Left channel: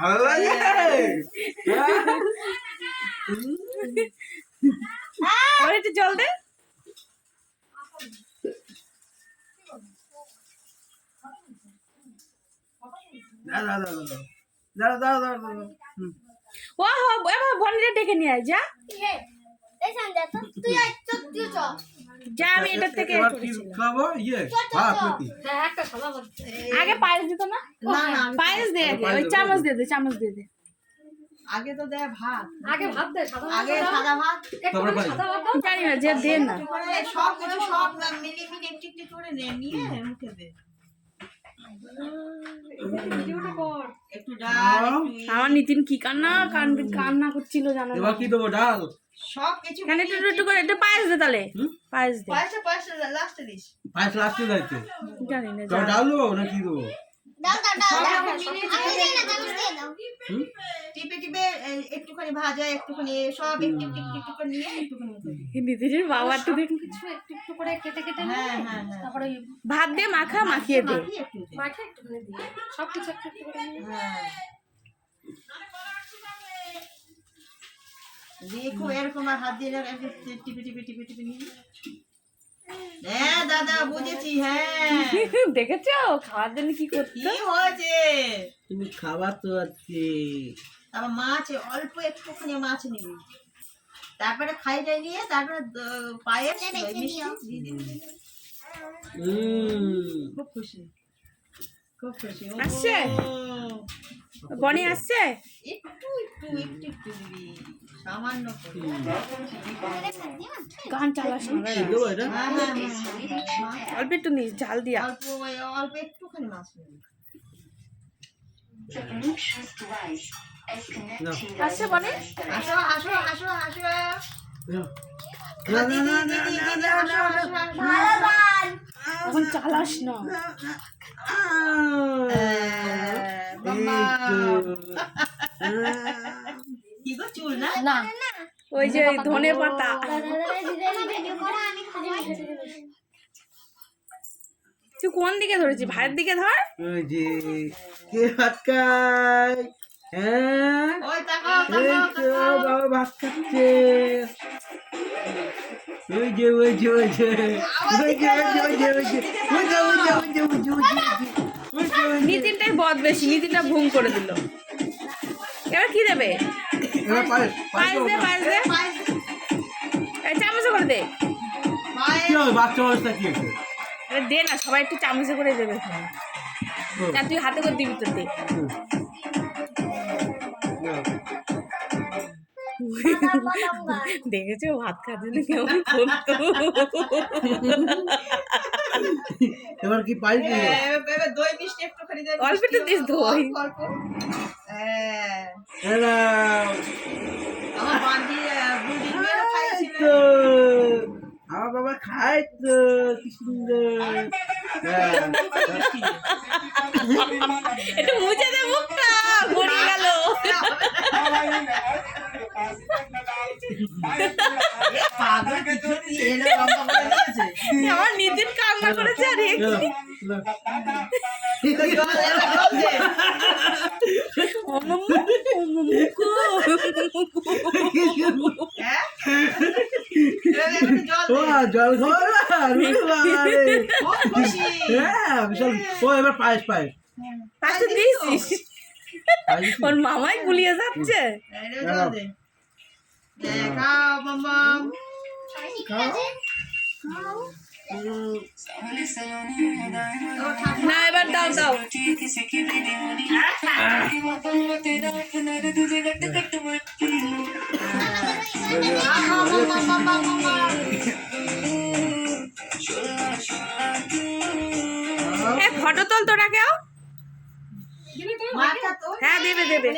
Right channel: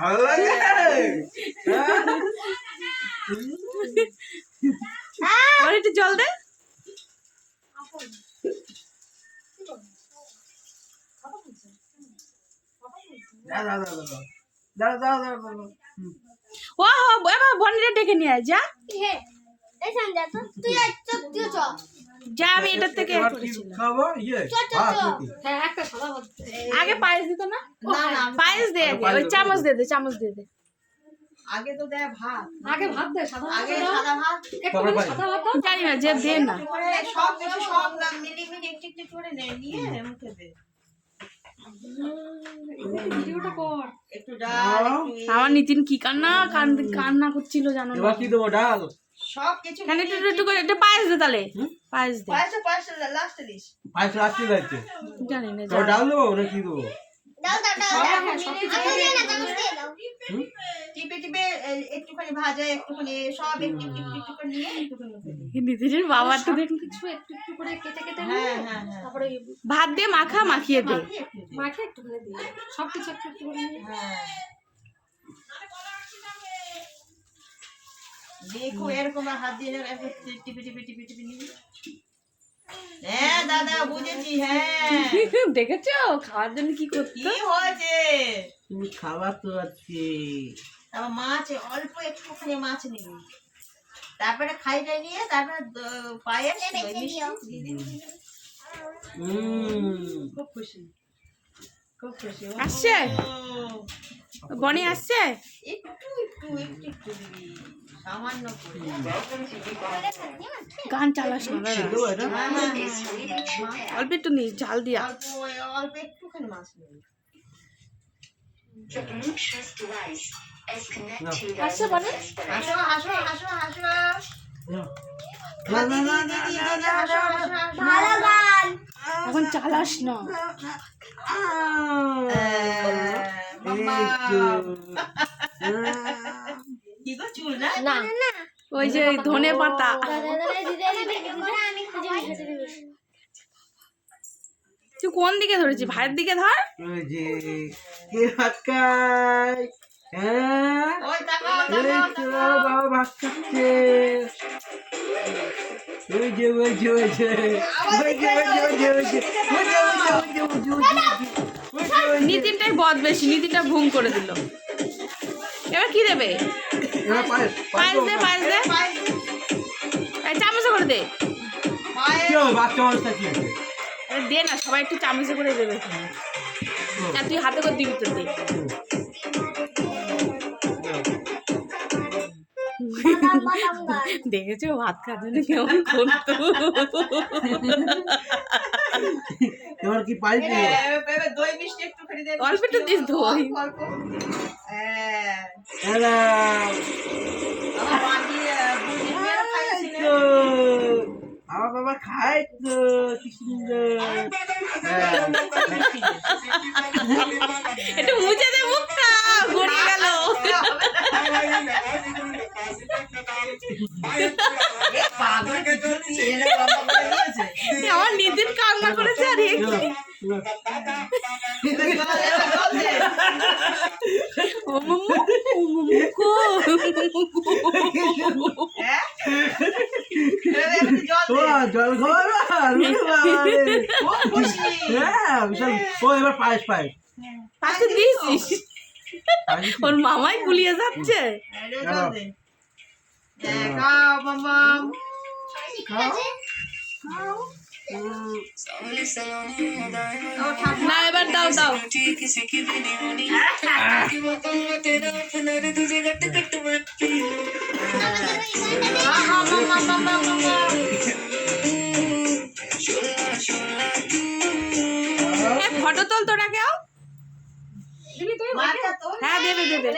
ভালো লাগে আর একটু জল দে। ও এবার বনিরে ডেকে নিয়ে আয় যা। যা আমি এটার থেকে আগে পায়েস দিত না, পায়েস দে আগে, ওই চামচ দিয়ে দে, চামচ দিয়ে দে। আগে তো দেয় ভাত, আগে ভাত দে, আগে সাদা ভাত, জানি না যে দে না, সব কিছু সব মিলিয়ে মিলিয়ে একটু একটু করে নিয়ে মুখে দে। ভিডিওটা কর। একটু ডাল, আমার নিতিন কি কান্না করছিল জানো না। এবার কি দেবো? ডাল সব কিছু কেন একটু একটু করে একটু পায়েস দে তাহলে, পায়েস দে। পায়েসে লাস্টে দিস। পায়েস লাস্টে যাচ্ছে। জানি না তো ডাল দেবো না কি দেবো? টিপে টিপে একটুখানি ভাজা, একটুখানি সব একটু একটু একটু করে নিয়ে একটুখানি। নিতিনের বাবা তো দেখ কিছু একটু একটু করে কেটে কেটে হ্যাঁ হ্যাঁ হ্যাঁ, তারপরে ভাত দিয়ে মাখিয়ে দে। মাখে একটুখানি দিয়ে সব কিছু একটু একটু করে নিয়ে হ্যাঁ দেখো এরকম আর হাত দিয়ে টিপে টিপে টিপে টিপে নিয়ে। হ্যাঁ দাদা বুঝেছি। হ্যাঁ দেখেছো খাওয়ার জন্য কি করতে। কি হয়েছে? তুমি খাবার তো আছে। তারপর মাছ অল্প একটুখানি মাছ নিবি, তারপরে খাইটাই নিয়ে তারপরে পায়েস মিষ্টি দিয়ে দিবি। খুব খুশি, খুব খুশি। আসছে বনি আসছে, একটু একটু একটু একটু দিবি, সামান্য করে। গান চালাস না দাদা। দেবো এটা? হ্যাঁ, হ্যাঁ, অল্প একটু নিস ঝাল দিয়া। অল্প অল্প একটুখানি মাছ নিবি। আসছে বনি, হাসো হাসো হাসো হাসো। না না না না না না। এখন চালাস না। কি গো চুল না? না ওই যে ধনে পাতা। তুই কোন দিকে ধরেছিস? ভাইয়ের দিকে ধর। ওই যে কে ভাত খায়? হ্যাঁ ওই তাকাও এই তাকাও তো বাবা ভাত খাচ্ছে। ওই যে ওই যে ওই যে ওই যে ওই যে ওই যে ওই যে ওই যে ওই যে ওই যে ওই যে নিতিনটাই বদ বেশি, নিতিনটা ভুম করে দিল। এবার কি দেবে? এবার পায়েস পায়েস দে, পায়েস দে, এই চামচে করে দে। কি হবে? বাচ্চা অবস্থা কি আছে? এবার দে না, সবাই একটু চামচে করে দেবে। না তুই হাতে করে দিবি তো দে। দেখেছো ভাত খাওয়ার জন্য কেমন করতো। এবার কি পাইস? দই মিষ্টি একটুখানি দে। অল্প একটু দিস দই। অল্প। হ্যাঁ হ্যালো আমার বাড়ি বুড়ি খাইছিল। তো আমার বাবা খায় তো কি সুন্দর। একটু মুছে দে মুখটা, গড়িয়ে গেল। পাগল কিছু দিয়ে এরা লম্বা করে দিয়েছে। আমার নিতিন কান্না করেছে আর এ কি? জল দে। ও মাম্মু, ও মাম্মু গো। হ্যাঁ জল ও দে। জল খাওয়া খুব খুশি। হ্যাঁ বিশাল। ও এবার পায়েস পায়েস পাশে দিয়েছিস? ওর মামাই গুলিয়ে যাচ্ছে। জল দে। খাও মাম্মাম খাও। না এবার দাও দাও। ফটো তোল তোরা কেউ। দিবি তুই? হ্যাঁ দেবে দেবে।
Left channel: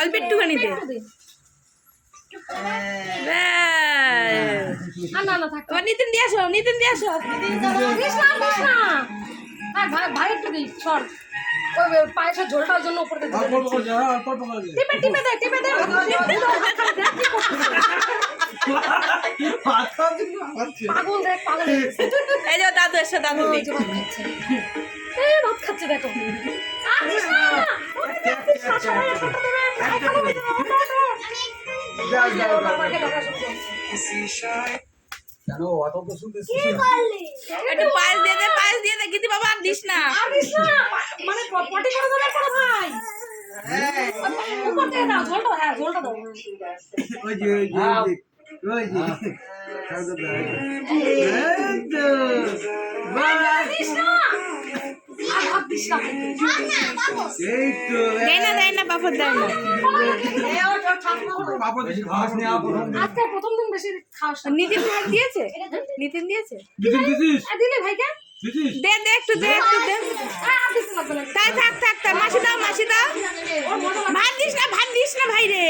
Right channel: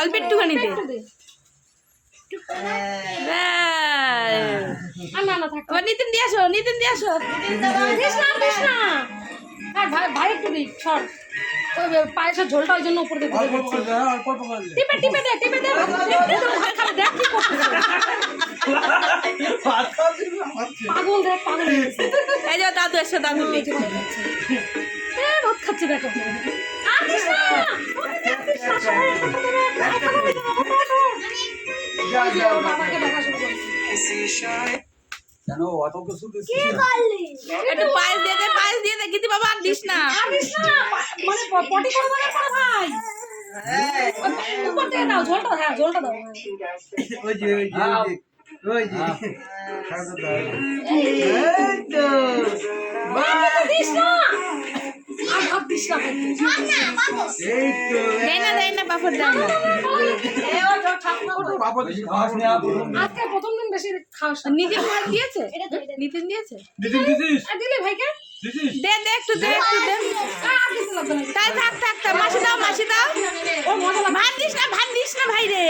অল্প একটুখানি দে। না না থাক। এবার নিতিন দিয়ে আসো, নিতিন দিয়ে আসো। দিস না দিস না। আর ভাই একটু দিই সর। ওই পায়েসের ঝোলটা ওই জন্য উপরে দিয়ে দিবি। টিপে টিপে দে টিপে দে। দেখ কি করছিস। ভাত খাওয়ার জন্য খাওয়াচ্ছে। পাগল দেখ পাগল হয়ে গেছে। এই যে দাদু এসে দাদু এই যে ভাত খাচ্ছে। ভাত খাচ্ছে দেখো। যাও যাও যাও। আমাকে দেখা শুরু করছে। কেন অত কিছু দিছিস? একটু পায়েস দিয়ে দে গিতি বাবা আর দিস না। আর দিস না, মানে পটি করে দাও না ভাই। উপর থেকে দাও ঝোলটা, হ্যাঁ ঝোলটা দাও। ওই যে ওই যে ওই যে খাওয়া দাও। এই তো বাহ, দিস না। আর ভাত দিস না। এই তো দেয় না বাপর দেয় না। বাবা দিছি খাস না প্রথম দিন। আজকে প্রথম দিন বেশি খাওয়া। নিতিন ভাই দিয়েছে? নিতিন দিয়েছে? দিছিস আর দিলে ভাইকে? দিছিস দে একটু দে। আর দিতে লাগবে না। তাই থাক মাসি দাও। ভাত দিস না ভাই রে।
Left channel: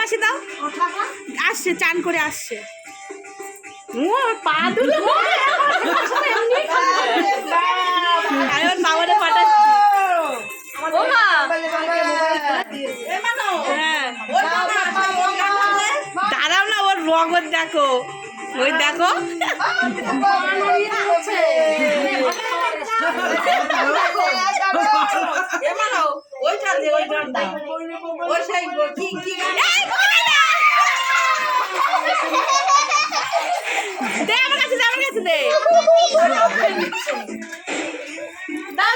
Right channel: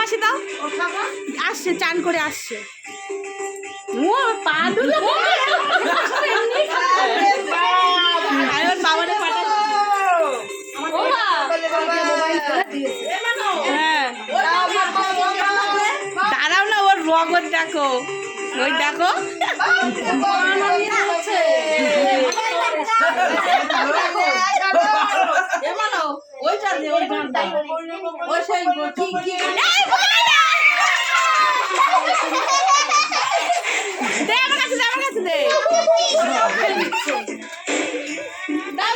মাসি দাও। আসছে চান করে আসছে। ও পা দুলো। আরে ওর বাবারে পাঠাচ্ছি। ও মা। হ্যাঁ। দাঁড়াও না, ওর রগত দেখো। ওই দেখো। দে আমার কাছে দে। দাও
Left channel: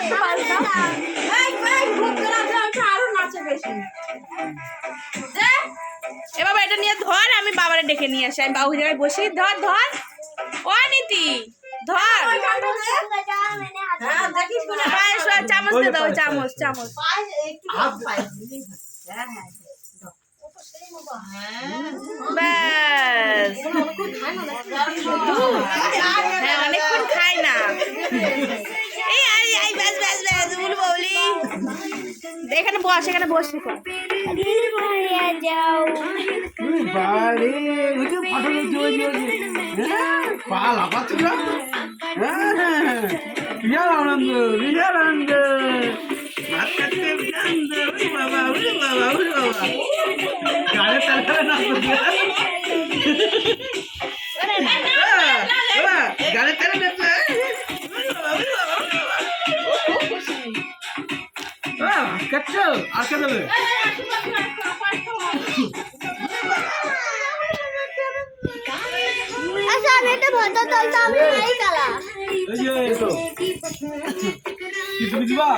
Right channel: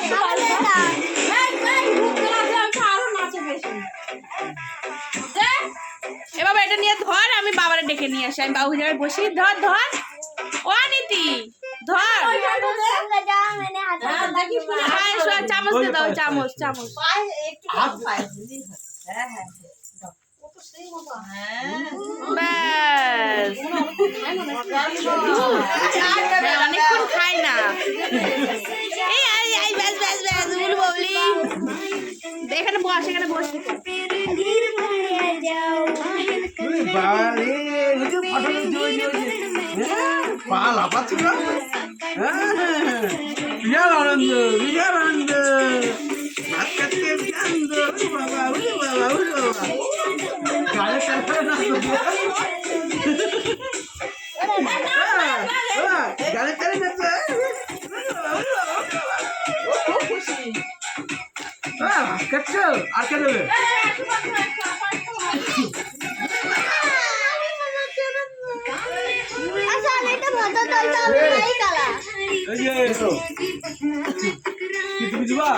একটু পায়েস দাও। এ বাবা এটা নিয়ে ধর, আমি বাবারে ডেকে নিয়ে আসি। আমি বাবু জায়গায় বসি। ধর ও নীতি ধর। পায়েস চামচ দিয়ে দাও, চামচ। ব্যাস। হ্যাঁ অনেকক্ষণ খাই না। এই ব্যাস বলি। এখানে বস বাড়ি ওই যে ফাটানো ওই যে পা লাফাচ্ছে না। বিশাল আনন্দ ভাত খাচ্ছে আনন্দ। বাবা গাড়ি তারপরে না গাড়ি তারে নেবে। ভাত খাচ্ছ আর কে দেবে? এই যে কিছু দিবা?